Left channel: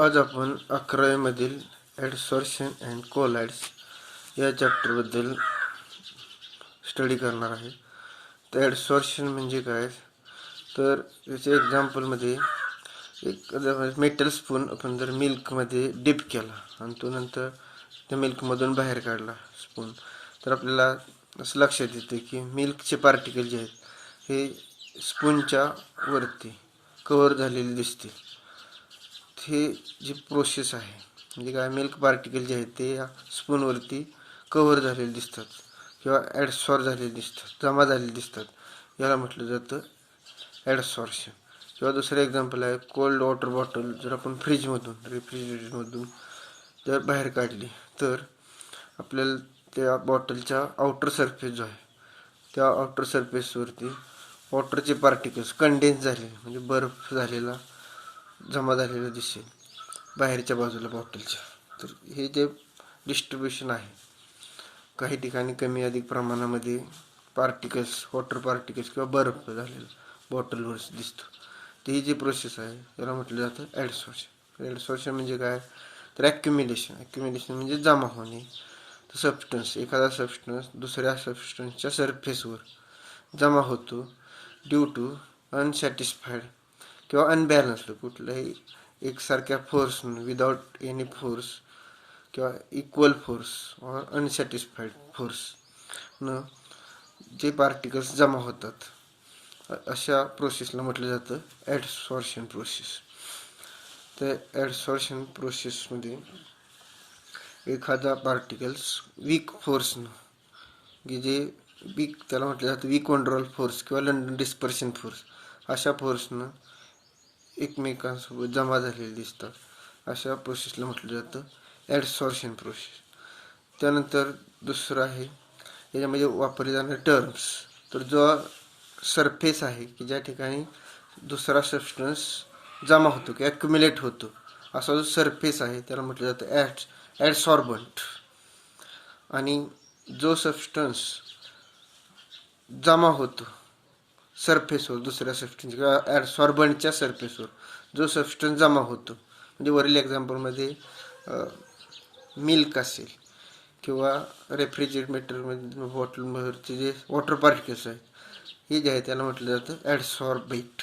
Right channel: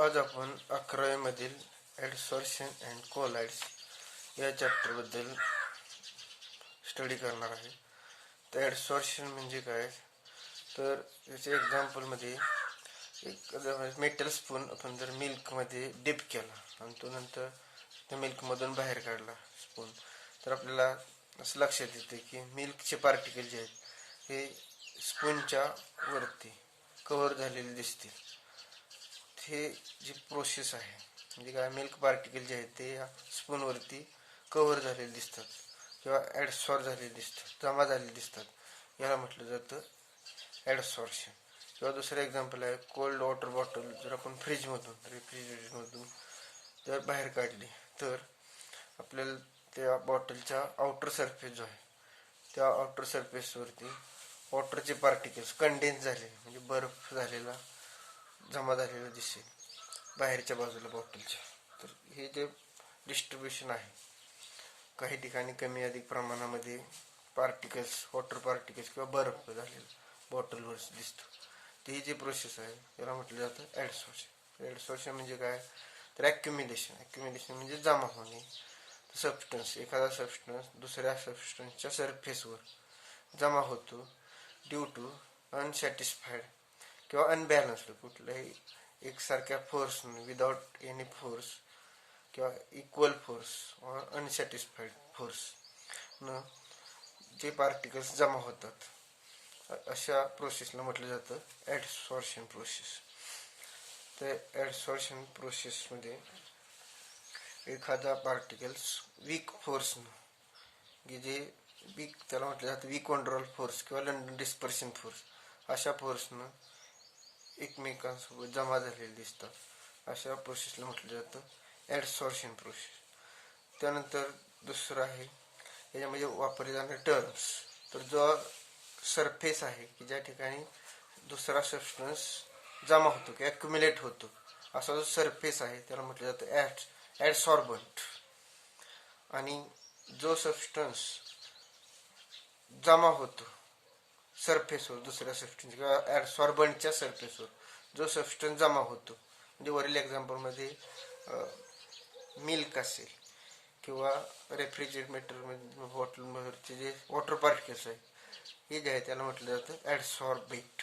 आज आपण 11वी मधील ॲडसॉर्प्शन अँड कोलाइड्स या चॅप्टरबद्दल स्टडी करणार आहे. तर ॲडसॉर्प्शन म्हणजे काय, तर याच्या एक्झाम्पलमध्ये एक मेटल स्पून आपण जर मिल्कमध्ये डिप केला आणि तो नंतर त्या मिल्कमधून बाहेर काढला स्पून, तर आपल्याला असं लक्षात येते की मिल्कचे पार्टिकल जे आहेत हे स्पूनच्या वरती कव्हर झालेले दिसतील. हे जी प्रोसेस आहे म्हणजे काय, मिल्क पार्टिकल जे आहेत ते या स्पूनवरती कव्हर झालेले दिसतात किंवा ॲडसॉर्ब झालेले दिसतात, जमा झालेले दिसतात. याला म्हटलं जातं ॲडसॉर्प्शन. किंवा दुसरं एक्झाम्पल आहे, कोल्ड वॉटर बॉटल जर आपण फ्रीजमधून रेफ्रिजरेटरमधून जर बाहेर काढली तर आपल्याला त्या बॉटलच्या आउटर सरफेस जो आहे त्या आउटर सरफेसवरती वॉटरचे पार्टिकल्स कंडेन्स झालेले म्हणजे बर्फ झालेला जमा झालेलं दिसेल बाहेरच्या बाजूला बॉटलच्या. तर हे जे डिस्ट्रीब्युशन आहे, काही ठिकाणी कमी अधिक प्रमाणामध्ये पार्टिकल्स, वॉटर पार्टिकल्स किंवा बर्फ झालेला बॉटलवर दिसतो. तर ही जी प्रोसेस आहे याला म्हटलं जातं ॲडसॉर्प्शन. ॲडसॉर्प्शन म्हणजे काय, तर ॲक्युम्युलेशन म्हणजे जमा होणे. तर सबस्टन्स, एखादा सबस्टन्स दुसऱ्या सबस्टन्सच्या सरफेसवर जमा होतो ड्यू टू अनसॅटिस्फाईड किंवा अनबॅलन्स्ड कुठल्याही एकसारख्या फोर्स, विदाउट एनी फोर्स किंवा इक्वल फोर्स और अनसॅटिस्फाईड फोर्स न जे पार्टिकल्स जमा होतात, अशा प्रोसेसला म्हटलं जातं ॲडसॉर्प्शन प्रोसेस. तर ॲडसॉर्प्शन प्रोसेसमध्ये एखादा पार्टिकल्स वीक फोर्सनं, की जे वीक, त्याला म्हटलं जातं वीक वंडरॉल फोर्स किंवा लंडन डिस्पर्शन फोर्स, अशा फोर्सनं एकमेकांसोबत जमा झालेले दिसतात. अशा प्रोसेसला म्हटलं जातं ॲडसॉर्प्शन प्रोसेस. त्यानंतर दुसरं आहे, याच्यामध्ये वापरले जाणारे टर्म्स. तर जो सरफेस आहे की ज्या ठिकाणी दुसरा सबस्टन्स जमा होतो किंवा ॲक्युम्युलेट होतो, असा जो सरफेस आहे त्याला म्हटलं जातं ॲडसॉर्बंट. आणि जो सबस्टन्स जमा होतो सरफेसवर, दुसऱ्या सबस्टन्स किंवा ॲडसॉर्बंटच्या सरफेसवर जो सबस्टन्स जमा होतो, म्हणजे वरील एक्झाम्पलमध्ये मिल्क असेल किंवा रेफ्रिजरेटरमध्ये बॉटलवरचे जे वॉटर पार्टिकल्स आहेत, हे जे आहे त्याला म्हटलं जातं ॲडसॉर्बेट.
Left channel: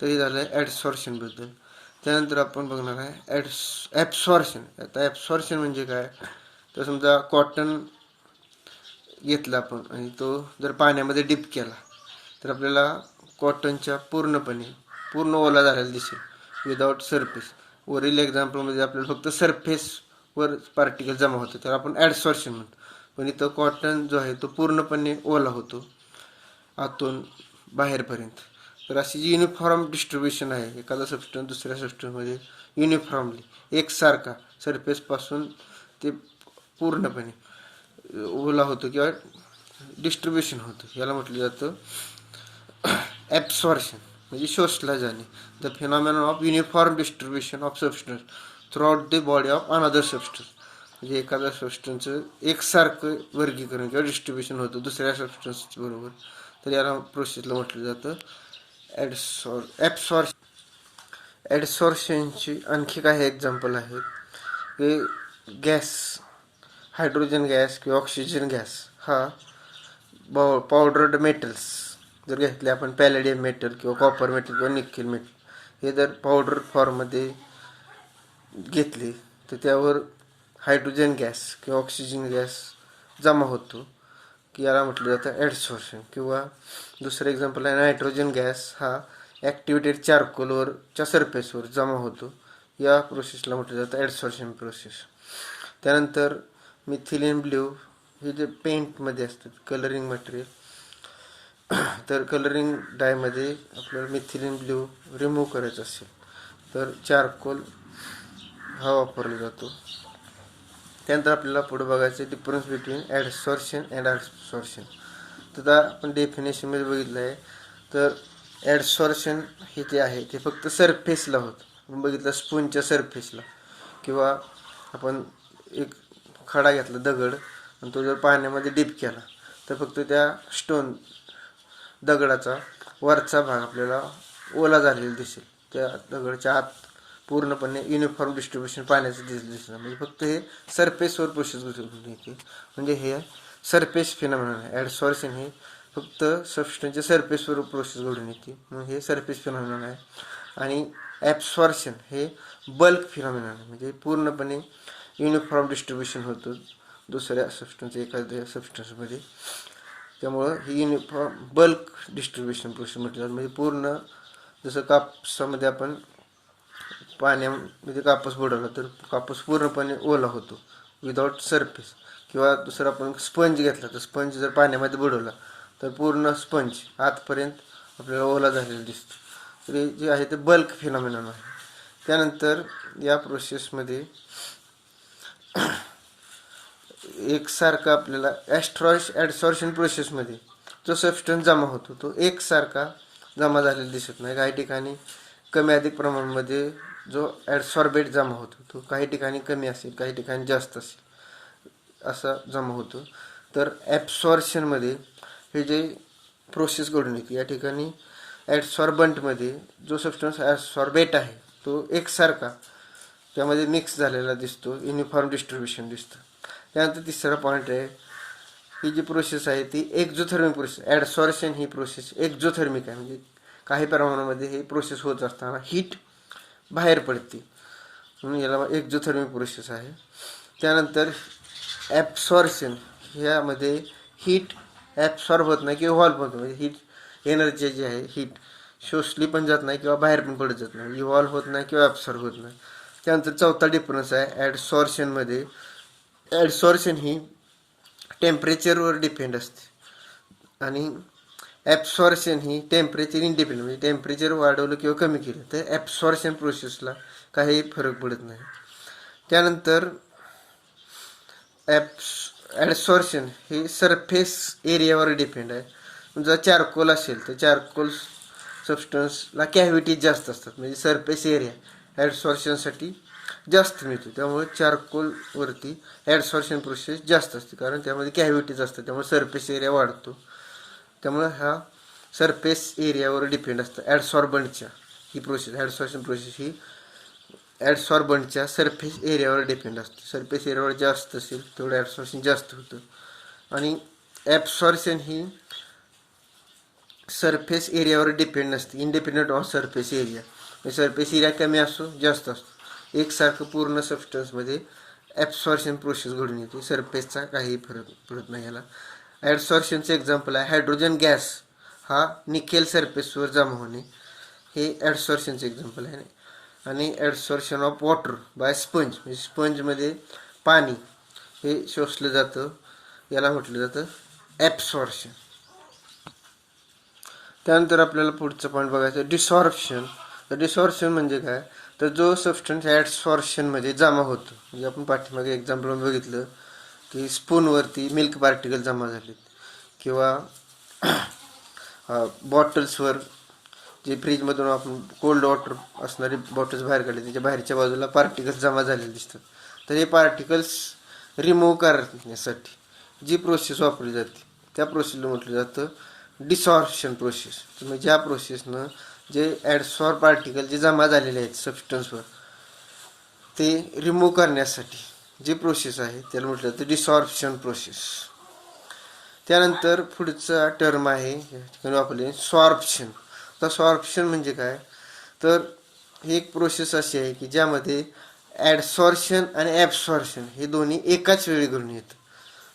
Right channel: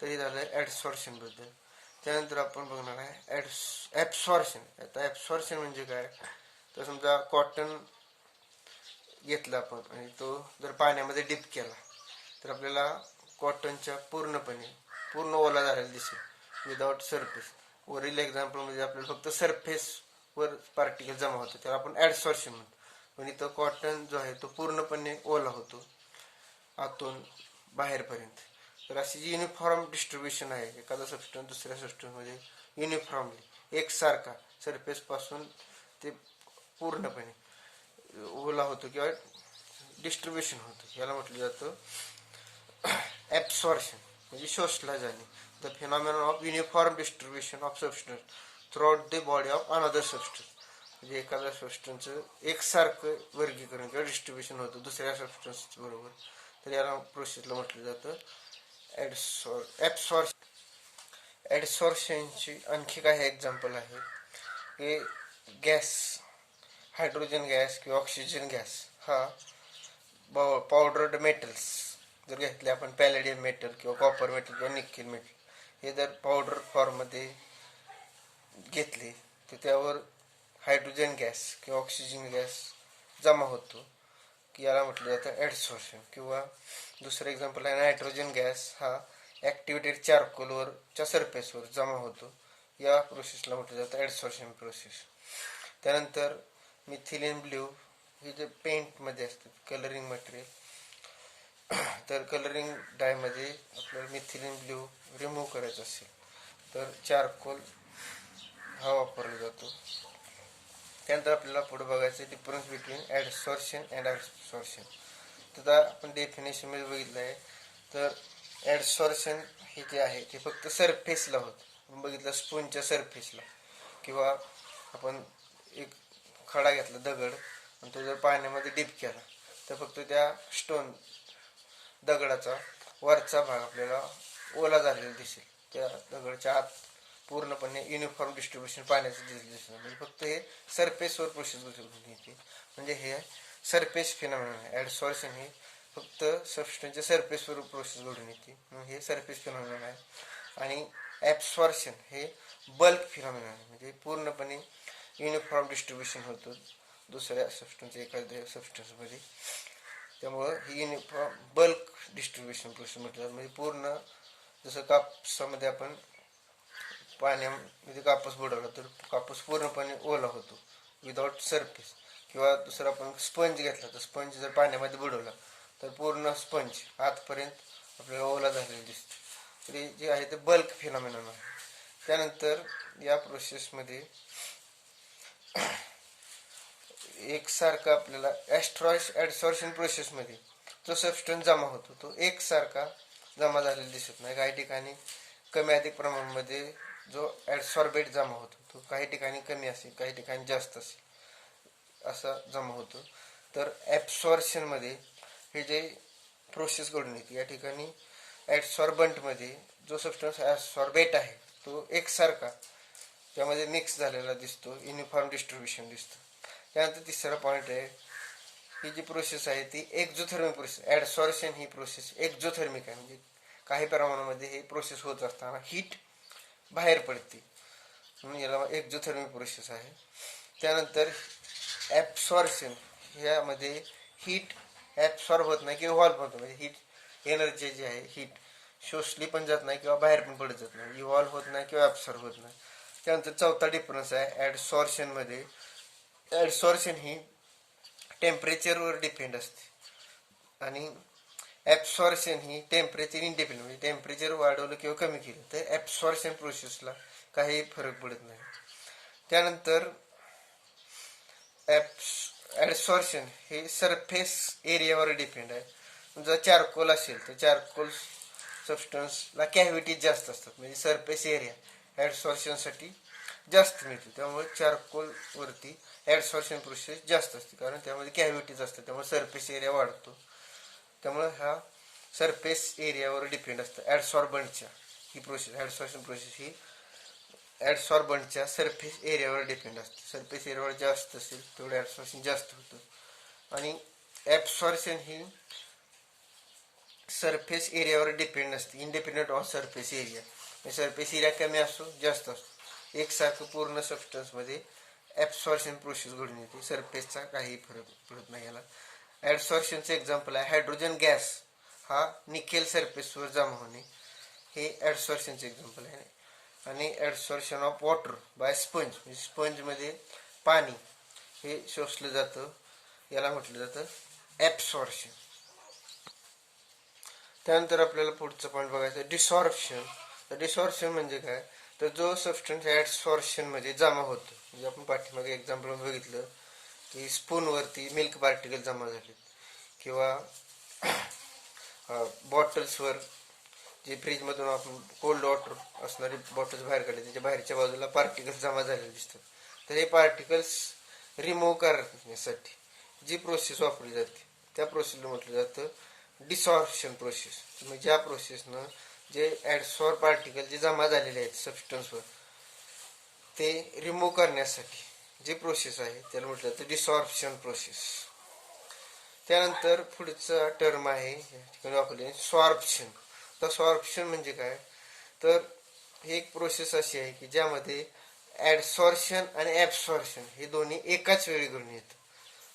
तर हे झालं आहे ॲडसॉर्प्शनबद्दल. त्यानंतर आपण बघणार आहे ॲब्सॉर्प्शन. आता ॲब्सॉर्प्शन म्हणजे काय, तर समजा कॉटन घेतला आपण आणि तो जर पाण्यामध्ये डिप केला तर आपल्याला कॉटनच्या पूर्ण ओला झालेला दिसेल विदाउट सरफेस. वरील एक्झाम्पलमध्ये आपल्याला फक्त सरफेसवर पार्टिकल जमा होतो, त्याला आपण ॲडसॉर्प्शन म्हणतो. पण इथं कॉटन जो आहे तो पूर्णपणे ओला होतो आतून बाहेरपर्यंत. तर अशी जी युनिफॉर्म डिस्ट्रीब्युशन आहे, एखादा सबस्टन्स दुसऱ्या सबस्टन्समध्ये युनिफॉर्मली एकसारखा सरफेसपासून ते पूर्णपणे ओला होतो किंवा डिस्ट्रीब्युशन होतं, याला म्हटलं जातं ॲब्सॉर्प्शन म्हणजे शोषला जाणे. The phenomenon of uniform distribution of substance throughout the body of another substance. म्हणजे एखाद्या सबस्टन्सचं एकसारखं वर्गीकरण किंवा डिस्ट्रीब्युशन होतं दुसऱ्या सबस्टन्स बरोबर, तर याला प्रोसेसला म्हटलं जातं ॲडसॉर्प्शनची आणखी काही एक्झाम्पल आहेत की गॅस, हायड्रोजन गॅस किंवा ऑक्सिजन गॅस हा पावडर्ड मेटल्स जर घेतले आपण, पॅलेडियम मेटल किंवा कॉपर मेटल किंवा निकेल मेटल, हे जर पावडर फॉर्ममध्ये घेतले तर त्यावर हायड्रोजन गॅस किंवा ऑक्सिजन गॅस जमा होतो, की याला म्हटलं जातं ॲडसॉर्प्शन. किंवा दुसरं एक्झाम्पल आहे, नायट्रोजन गॅस हा ॲक्टिवेटेड चारकोलवरच्या सरफेसवर जमा होतो, या प्रोसेसला म्हटलं जातं ॲडसॉर्प्शन प्रोसेस. त्यानंतर मिथिलीन ब्ल्यू हे जे पेंटमध्ये असतात, कलरिंग मटेरियल, तर कलरिंग डायमध्ये आपल्याला मिथिलीन ब्ल्यू रिमूव्ह करायचं असेल तर चारकोल हा वापरला जातो. त्यानंतर आपल्याला पुढे बघायचं डिफरन्स बिटवीन ॲडसॉर्प्शन अँड ॲब्सॉर्प्शन. तर आपण डेफिनेशनमध्ये बघितलं आहे, तर ॲडसॉर्प्शन हे जे आहे ते फक्त सरफेसला होतं. आपण बघितलं स्पूनच्या सरफेसला, किंवा आपण एक खडा घेतला दगड आणि तो जर पाण्यामध्ये डिप केला तर फक्त त्या दगडाचा वरचा भाग आपल्याला ओला झालेला दिसेल, त्या दगडाच्या आत पूर्णपणे युनिफॉर्म डिस्ट्रीब्युशन पाण्याचं दिसतं, म्हणजे फक्त हे सरफेसवर प्रोसेस घडून येते. म्हणजे हे सरफेस फिनॉमिनॉन आहे. ॲडसॉर्शन हे फक्त सबस्टन्सच्या सरफेसवर प्रोसेस घडून येते, म्हणून हे सरफेस फिनॉमिनॉन आहे. आणि ॲब्सॉर्शन हे बल्क फिनॉमिनॉन आहे, म्हणजे पूर्णपणे युनिफॉर्म डिस्ट्रीब्युशन होतं दुसऱ्या सबस्टन्स एखाद्या सबस्टन्समध्ये. त्यामुळं ही युनिफॉर्म बल्क डिस्ट्रीब्युशन प्रोसेस म्हटलं जातं. म्हणजे पूर्ण जसं कापसामध्ये आपण पाण्यामध्ये कापूस बुडवला तर कापूस पूर्णपणे ओला होतो विदाउट सरफेस. किंवा दुसरा आपण स्पंज घेतला तर स्पंज जर पाण्यामध्ये बुडवला तर पूर्ण स्पंज आतपर्यंत आपल्याला ओला झालेला दिसतो. तर हे जे आहे ते बल्क फिनॉमिनॉन आहे. त्यानंतर या प्रोसेसमध्ये एकसारखा आपल्याला ॲडसॉर्शन प्रोसेसमध्ये जो सबस्टन्स जमा होतो तो एकसारखा जमा झालेला दिसत नाही. काही ठिकाणी कमी अधिक प्रमाणामध्ये जो ॲडसॉर्बेट जमा होतो तो काही ठिकाणी कमी असेल, काही ठिकाणी जास्त असेल, असा जमा होतो. तर ॲब्सॉर्शनमध्ये हे जे प्रोसेस घडून येते, या ठिकाणी ॲडसॉर्बंटमध्ये जो सबस्टन्स ॲडसॉर्बेट आहे तो एकसारखा त्यामध्ये मिक्स झालेला दिसतो, युनिफॉर्म डिस्ट्रीब्युशन दिसतं. त्यानंतर तिसरा पॉईंट आहे, ही जी प्रोसेस आहे ती एक्झोथर्मिक प्रोसेस. ॲडसॉर्शन ही प्रोसेस एक्झोथर्मिक आहे, म्हणजे काही प्रमाणामध्ये हे प्रोसेस होत असताना हीट बाहेर पडते, म्हणून याला एक्झोथर्मिक प्रोसेस आहे. त्यानंतर ॲब्सॉर्शन, ह्यामध्ये हीट ॲब्सॉर्ब होत नाही किंवा इव्हॉल्व होत, म्हणजे हीट एनर्जी जी आहे हीट शोषली पण जात नाही किंवा बाहेर पण पडत जात नाही, इव्हॉल्व होत नाही किंवा ॲब्सॉर्ब होत नाही. त्यानंतर चौथा डिफरन्स आहे ॲडसॉर्शनमध्ये. ॲडसॉर्शन ही टेम्परेचरवर डिपेंड असते आणि ॲब्सॉर्शन ही टेम्परेचर इंडिपेंडंट, म्हणजे टेम्परेचर वाढवलं किंवा कमी केलं तर ॲब्सॉर्शन प्रोसेसला काही फरक पडत नाही. त्यानंतर ॲडसॉर्शन हे सरफेस एरियावर डिपेंड आहे. जर चारकोल असेल तर चारकोल सबस्टन्सला कॅव्हिटीज जास्त असतात, म्हणजे सरफेस एरिया ॲडसॉर्शनसाठी जास्त मिळतो. त्यामुळे चारकोलवरती ॲडसॉर्शन प्रोसेस जास्त असते, कारण त्यामध्ये कॅव्हिटीज असतात, त्यामुळे सरफेस एरिया वाढतो. त्यामुळे हा सरफेस एरियावर डिपेंड असतं ॲडसॉर्बंटच्या ही प्रोसेस. ॲडसॉर्शन प्रोसेस ही ॲडसॉर्बंटच्या सरफेस एरियावर डिपेंड असते. सरफेस एरियावर जास्त असेल तेवढं ॲडसॉर्शन जास्त होतं. आणि ॲब्सॉर्शन ही सरफेस एरियावर डिपेंड नसते, इंडिपेंडंट ऑफ सरफेस एरिया. म्हणजे सरफेस एरिया कमी असो जास्त असतो, एकसारखं पूर्ण सबस्टन्समध्ये ॲब्सॉर्शन प्रोसेस घडून येते, सरफेसचा काही फरक पडत नाही. याला ॲडसॉर्शनचं एक्झाम्पल आहे हायड्रोजन गॅस हा निकेल सरफेसवर जमा होणे, हे ॲडसॉर्शनचं एक्झाम्पल आहे. आणि ॲडसॉर्शन ऑफ वॉटर बाय स्पंज, म्हणजे स्पंजमध्ये पाणी हे शोषलं जातं, याला म्हटलं जातं ॲब्सॉर्शन. त्यानंतर आपल्याला पुढचं पॉईंट बघायचं डिसॉर्प्शन. तर डिसॉर्प्शन म्हणजे काय, तर जो सबस्टन्स ॲडसॉर्शनमध्ये जमा होतो, म्हणजे आपण पाठीमागे एक्झाम्पल बघितलं की स्पूनवरती मिल्क पार्टिकल जमा झालेत किंवा बॉटल्सवर जे फ्रीजमधून आपण कोल्ड वॉटर असणारी बॉटल्स बाहेर काढले त्याच्या बाहेरच्या बाजूला पार्टिकल्स जमा झालेले दिसतात. तर हे पार्टिकल्स रिमूव्ह करण्यासाठी जी प्रोसेस वापरली जाते त्या प्रोसेसला म्हटलं जातं डिसॉर्प्शन प्रोसेस. म्हणजे ज्या प्रोसेसनं जे ॲडसॉर्ब पार्टिकल जे जमा झालेले आहेत सबस्टन्सवर ते रिमूव्ह करण्यासाठी जी प्रोसेस आहे त्याला म्हटलं जातं डिसॉर्प्शन प्रोसेस. त्यानंतर पुढचा टर्म आहे या ठिकाणी वापरले सॉर्प्शन. तर सॉर्प्शन म्हणजे काय, तर ही एक प्रोसेस अशी आहे की ज्यामध्ये ॲडसॉर्शन आणि ॲब्सॉर्शन हे दोन्ही एकाच वेळी घडून येतं,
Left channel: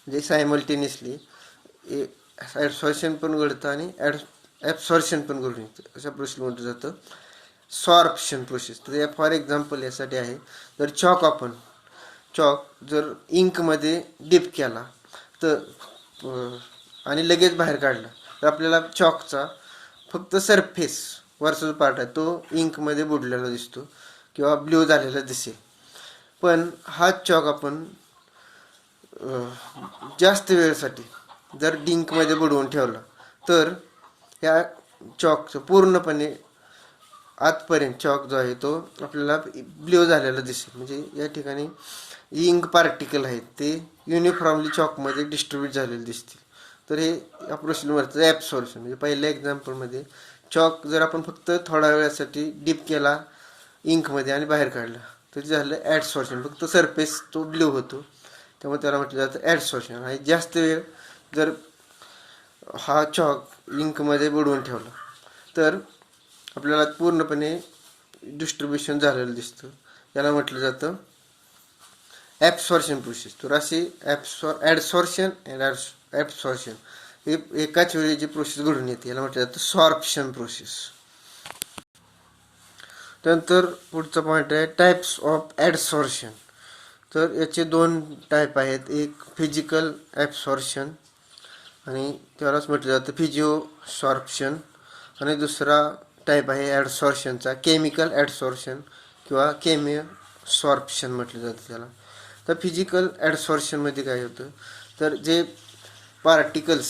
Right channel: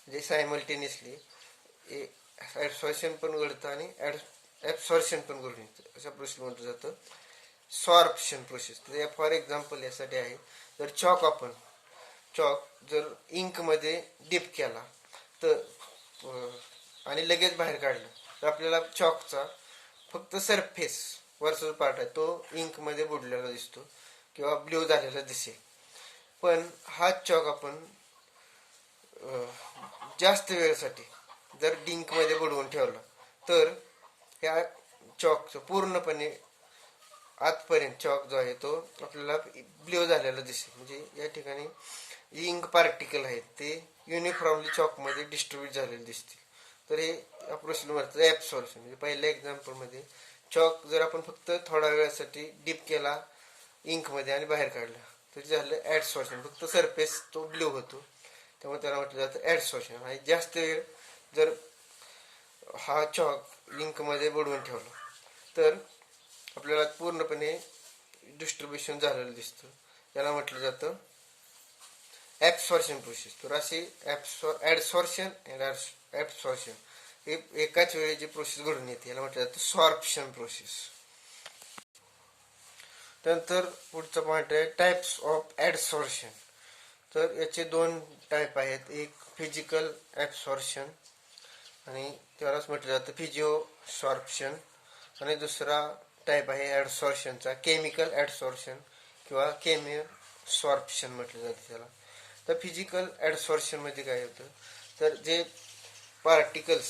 म्हणजे सायमल्टेनियसली ॲडसॉर्शन पण घडतं आणि ॲब्सॉर्शन पण घडून येतं. अशा प्रोसेसला म्हटलं जातं सॉर्प्शन प्रोसेस. तर फॉर एक्झाम्पल यासाठी आहे, जर चॉक जर इंकमध्ये डिप केला तर आणि लगेच बाहेर काढला तर आपल्याला चॉकचा फक्त सरफेस वरचा जो पार्ट आहे तो इंकमध्ये बुडलेला दिसतो किंवा ब्ल्यू झालेला दिसेल. पण हा चॉक आपण जास्त वेळेसाठी जर इंकमध्ये बुडवून ठेवला तर ह्या चॉकचं पूर्णपणे आतपर्यंत चॉक जो आहे तो आपल्याला ब्ल्यू झालेला दिसेल. म्हणजे या ठिकाणी इंक पार्टिकल आहेत ते युनिफॉर्मली चॉकमध्ये डिस्ट्रीब्यूट झालेले दिसतील. तर हे या प्रोसेसवरचं ॲब्सॉर्प्शन. म्हणजे पहिल्या एक्झाम्पलमध्ये चॉक जर आपण फक्त थोड्या वेळासाठी डीप केला इंकमध्ये आणि बाहेर काढला तर झालं ॲडसॉर्शन. फक्त सरफेस तो ब्ल्यू होतो, त्यामुळे त्याला म्हटलं जातं ॲडसॉर्शन. आणि जास्त वेळ जर हा चॉक इंकमध्ये बुडवून ठेवला तर आपल्याला पूर्णपणे डिस्ट्रीब्युशन झालेलं दिसतं. याला म्हटलं जातं ॲब्सॉर्शन प्रोसेस. तर अशी ॲडसॉर्शन अँड ॲब्सॉर्शन हे एकाच वेळी जी प्रोसेस घडून येते याला म्हटलं जातं सॉर्प्शन प्रोसेस. त्यानंतर पुढचा पॉईंट आहे टाईप्स ऑफ ॲडसॉर्शन. तर याचे दोन टाईप आहेत, एक फिजिकल ॲब्सॉर्शन आणि त्यालाच म्हटलं जातं फिजिओ सॉर्प्शन, आणि दुसरा टाईप आहे ॲडसॉर्शनचा केमिकल ॲडसॉर्शन किंवा केमिओ सॉर्प्शन म्हटलं जातं त्याला. तर फिजिकल ॲडसॉर्शनमध्ये काय होतं, तर जे पार्टिकल्स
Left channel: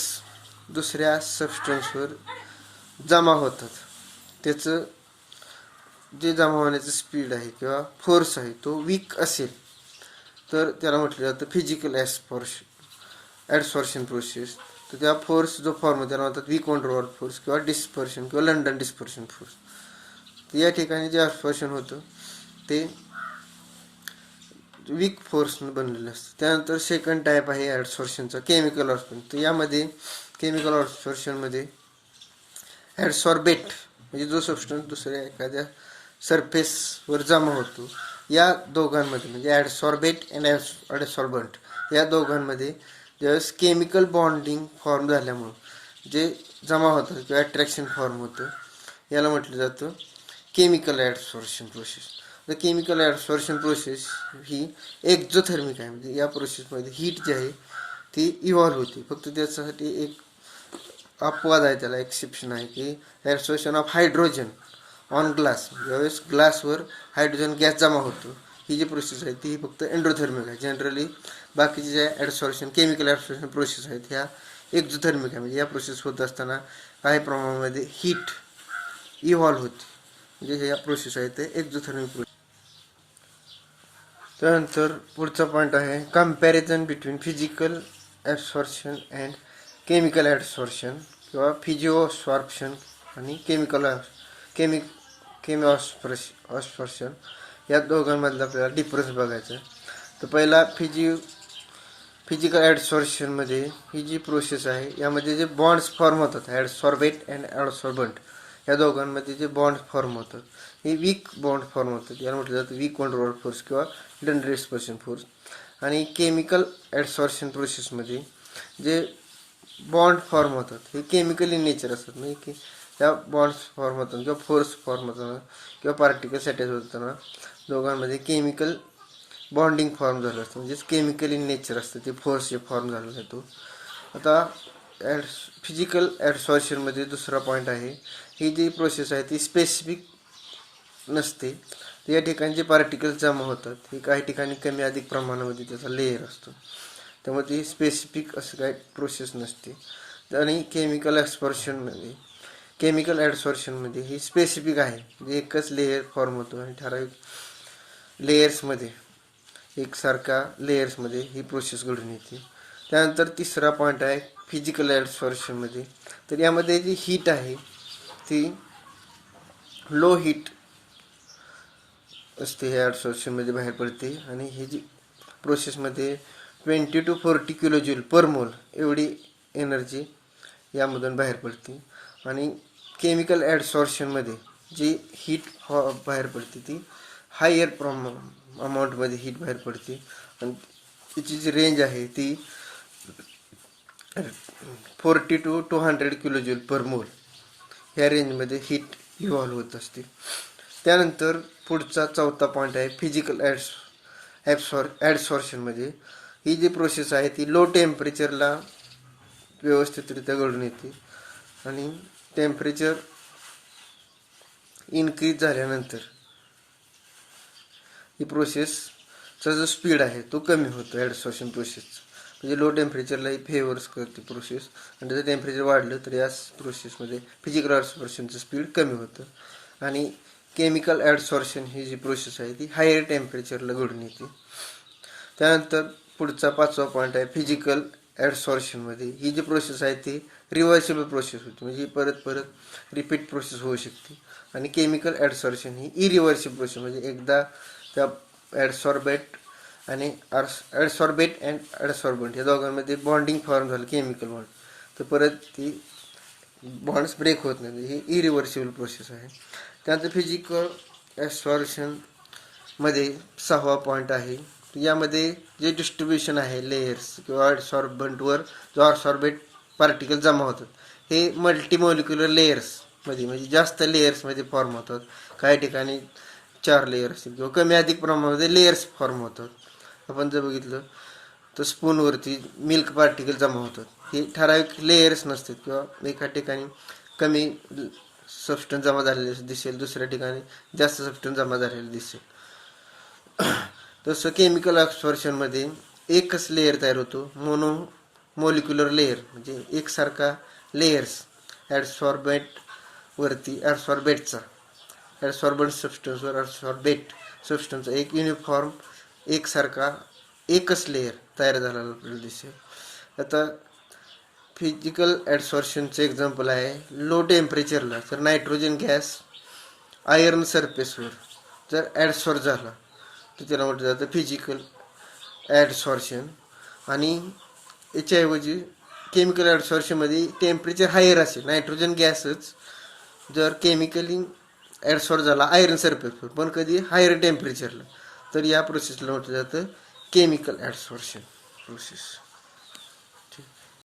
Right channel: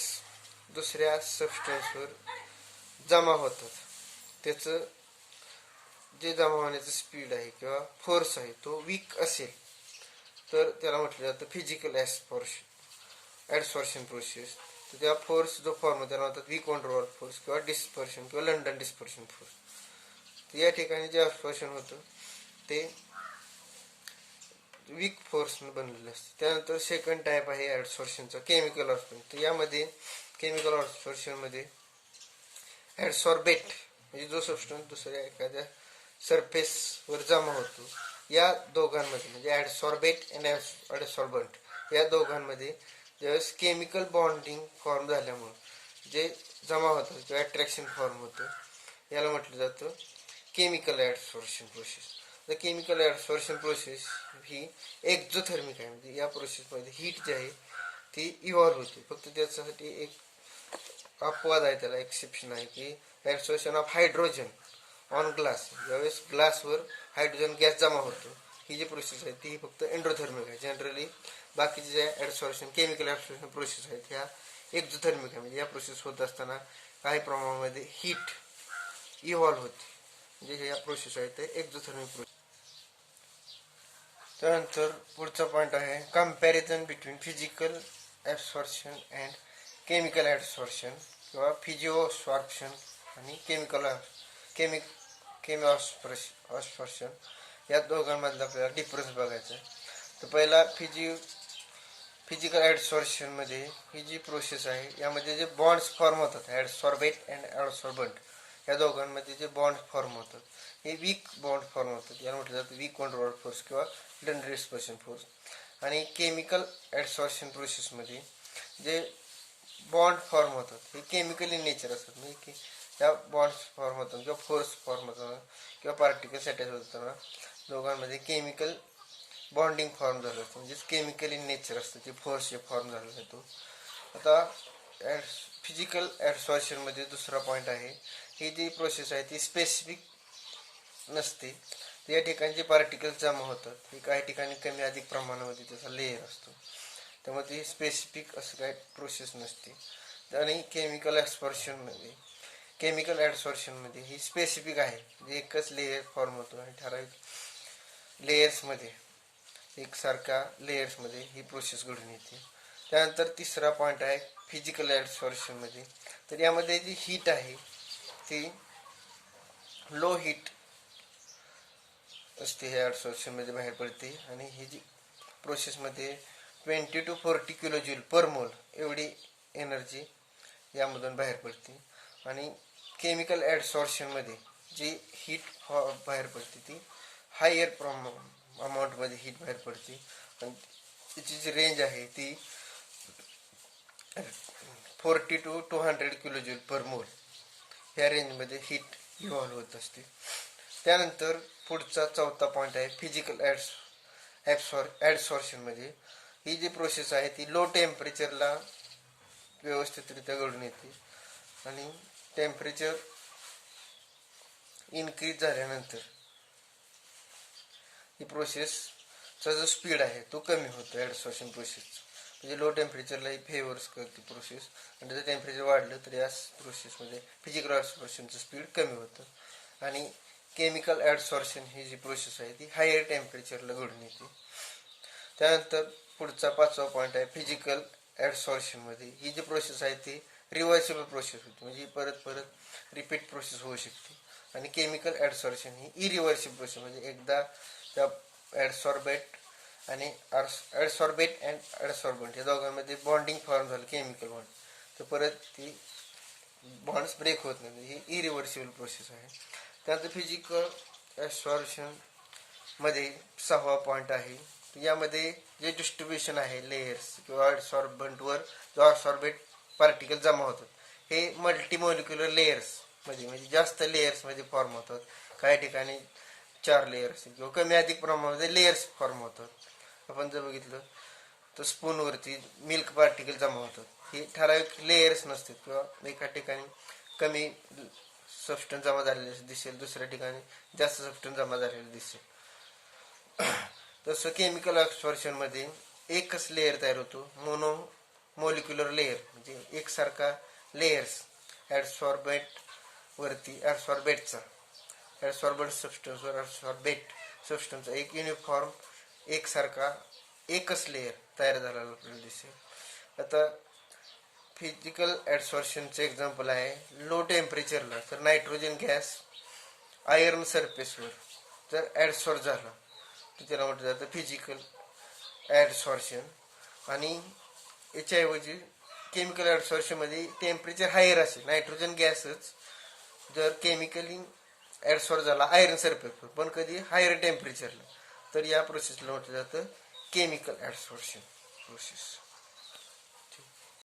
दुसऱ्या सबस्टन्सवर जमा होतात त्याचं जे जमा होण्याचं स्पीड आहे किंवा फोर्स आहे तो वीक असेल तर त्याला म्हटलं जातं फिजिकल ॲडसॉर्शन प्रोसेस. तर त्या फोर्स जो फॉर्म होतो त्याला म्हणतात वीक वंडरवॉल फोर्स किंवा डिस्पर्शन किंवा लंडन डिस्पर्शन फोर्स. तर या ठिकाणी जे ॲब्सॉर्शन होतं ते वीक फोर्सनं बनलेलं असतं. त्यानंतर सेकंड टाईप आहे ॲडसॉर्शनचा केमिकल ॲडसॉर्शन. तर यामध्ये केमिकल ॲडसॉर्शनमध्ये ॲडसॉर्बेट म्हणजे जो सबस्टन्स दुसऱ्या एखाद्या सरफेसवर जमा होतो या दोघांमध्ये म्हणजे ॲडसॉर्बेट अँड ॲडसॉर्बंट या दोघांमध्ये ज्यावेळेस केमिकल बॉन्डिंग फॉर्म झाल्यामुळं जे जमा होतं किंवा अट्रॅक्शन फॉर्म होतं याला म्हटलं जातं chemical adsorption process. The chemical adsorption process ही एक्झोथर्मिक आहे. म्हणजे या प्रोसेसमध्ये हीट जी आहे ती इव्हॉल्व होते. फक्त त्याच्यासाठी एक अपवाद आहे, त्याला एक्सेप्शन आहे की ॲडसॉर्शन ऑफ हायड्रोजन ऑन ग्लास. ज्यावेळेस ग्लासवर हायड्रोजन गॅस जमा होतो ही जी प्रोसेस आहे ती फक्त एंडोथर्मिक आहे. जनरली बाकीचे जे ॲडसॉर्शन केमिकल ॲडसॉर्शन प्रोसेस आहेत ह्या एक्झोथर्मिक आहे. म्हणजे या प्रोसेस होत असताना काही प्रमाणामध्ये हीट इव्हॉल्व होते, म्हणजे या प्रोसेस आहे ते एक्झोथर्मिक प्रोसेस. त्यानंतर पुढचा पॉईंट आहे comparison between physical absorption and chemical absorption किंवा फिजिओसॉर्प्शन आणि केमिऑस्पर्शन या दोघांमधला आपल्याला डिफरन्स बघायचा आहे. तर पहिला फिजिकल ॲडसॉर्प्शनमध्ये ही जी प्रोसेस आहे यामध्ये जे बॉन्ड्स फॉर्म होतात ॲडसॉर्बेट अँड ॲडसॉर्बंट या दोघांमध्ये जे बॉन्ड फॉर्म होतात हे वीक बॉन्ड फॉर्म होतात. याला म्हटलं जातं वीक वंडरवॉल फोर्स किंवा लंडन डिस्पर्शन फोर्स. आणि केमिकल ॲडसॉर्प्शन प्रोसेसमध्ये जे बॉन्ड फॉर्म होतात हे केमिकल इन नेचर असतात. म्हणजे की त्या बॉन्ड्स फॉर्म होताना किंवा फोर्स फॉर्म होताना किंवा पार्टिकल्स अटॅच होताना दोघांमध्ये केमिकल बॉन्डिंग फॉर्म झालं असतं, म्हणजेच केमिकल इन नेचर असतं ते फोर्स जे फॉर्म झाला जातो. आता फिजिकल ॲडसॉर्प्शनमध्ये दुसरा पॉईंट आहे, ही जी प्रोसेस आहे ती स्पेसिफिक नसते. या ठिकाणी जे पार्टिकल्स जमा होतात हे काही ठिकाणी कमी अधिक प्रमाणामध्ये त्याचा लेयर असतो, त्यामुळे ती स्पेसिफिक असं काय प्रोसेस नसते. आणि केमिकल ॲडसॉर्प्शनमध्ये ही स्पेसिफिक आहे, म्हणजे एकच लेयर फॉर्म होतो आणि ठराविक लेयर्समध्ये एकसारख्या लेयर्समध्ये ही प्रोसेस घडून येते. त्यानंतर तिसरा पॉईंट आहे फिजिकल ॲडसॉर्प्शनमध्ये. तर यामध्ये जी हीट आहे ती लो हीट असते ह्या ॲडसॉर्प्शनमध्ये बाहेर पडते आणि ही जी प्रोसेसमध्ये 20 to 40 किलोजूल पर मोल एवढी एनर्जी यामधून बाहेर पडते. आणि केमिकल ॲडसॉर्प्शनमध्ये जी हीट बाहेर पडते ती हायर अमाऊंटमध्ये हीट बाहेर पडते आणि तिची जी रेंज आहे ती 40 to 200 किलोजूल पर मोल ह्या रेंजमध्ये हीट इव्हॉल्व होत असते. त्यानंतर पुढचा चौथा पॉईंट आहे फिजिकल ॲडसॉर्प्शनमध्ये ही जी प्रोसेस आहे ती लो टेम्परेचरला व्यवस्थितरित्या घडून येते आणि टेम्परेचर इन्क्रीज झाल्यानंतर ही प्रोसेसचा जो स्पीड आहे तो कमी होतो ॲडसॉर्प्शन प्रोसेसचा. म्हणजे लो टेम्परेचरला ही फेवर्स करते प्रोसेस आणि त्याचं टेम्परेचर वाढलं तर या प्रोसेसमध्ये फिजिकल ॲडसॉर्प्शनचं स्पीड कमी होतं. आणि केमिकल ॲडसॉर्प्शन ही जी प्रोसेस आहे ती हायर टेम्परेचरला घडून येते. त्यानंतर पुढचा पाचवा पॉईंट आहे फिजिकल ॲडसॉर्प्शनमध्ये ही जी प्रोसेस आहे ती रिव्हर्सिबल प्रोसेस होती, म्हणजे परत रिपीट प्रोसेस होऊ शकते. आणि केमिकल ॲडसॉर्प्शन ही इरिव्हर्सिबल प्रोसेस, म्हणजे एकदा त्या ॲडसॉर्बेट आणि ॲडसॉर्बेट अँड ॲडसॉर्बंट या दोघांमध्ये बॉन्डिंग फॉर्म झालं केमिकल बॉन्ड, तर परत ती बॉन्ड्स ब्रेक होत नाही, ही इरिव्हर्सिबल प्रोसेस आहे. त्यानंतर फिजिकल ॲडसॉर्प्शन मध्ये 6वा पॉईंट आहे. यामध्ये जे डिस्ट्रीब्युशन आहे लेयर्स किंवा ॲडसॉर्बंटवर जो ॲडसॉर्बेट पार्टिकल जमा होतात, हे मल्टीमॉलिक्युलर लेयर्समध्ये म्हणजे जास्त लेयर्समध्ये फॉर्म होतात. काही ठिकाणी 4 लेयर असतील किंवा कमी अधिक प्रमाणामध्ये लेयर्स फॉर्म होतात. आपण जर बघितलं तर स्पूनवरती मिल्क पार्टिकल जमा होतात, हे ठराविक लेयर्स नसतात किंवा एका ठिकाणी कमी सबस्टन्स जमा झालेले दिसेल, दुसऱ्या ठिकाणी जास्त सबस्टन्स जमा झालेले दिसेल. तसं केमिकल ॲब्सॉर्प्शनमध्ये एकच लेयर तयार होतो, मोनो मॉलिक्युलर लेयर, म्हणजे एकसारखा लेयर्स ॲडसॉर्बेट वरती ॲडसॉर्बेटचा ॲडसॉर्बंट सबस्टन्सवर ॲडसॉर्बेट सबस्टन्सचा एक युनिफॉर्म एकसारखा एकच लेयर तयार झालेला आपल्याला दिसेल. आता फिजिकल ॲडसॉर्प्शनचं एक्झाम्पल आहे लो टेम्परेचरला तर नायट्रोजन गॅस आयर्न सरफेसवर जर ॲडसॉर्ब झाला तर त्याला म्हटलं जातं फिजिकल ॲडसॉर्प्शन. आणि याच्याऐवजी केमिकल ॲडसॉर्प्शनमध्ये टेम्परेचर हायर असेल, नायट्रोजन गॅसच जर केमिकली ॲडसॉर्ब झाला आयर्न सरफेसवर पण कधी हायर टेम्परेचरला, तर या प्रोसेसला म्हटलं जातं केमिकल ॲडसॉर्प्शन प्रोसेस.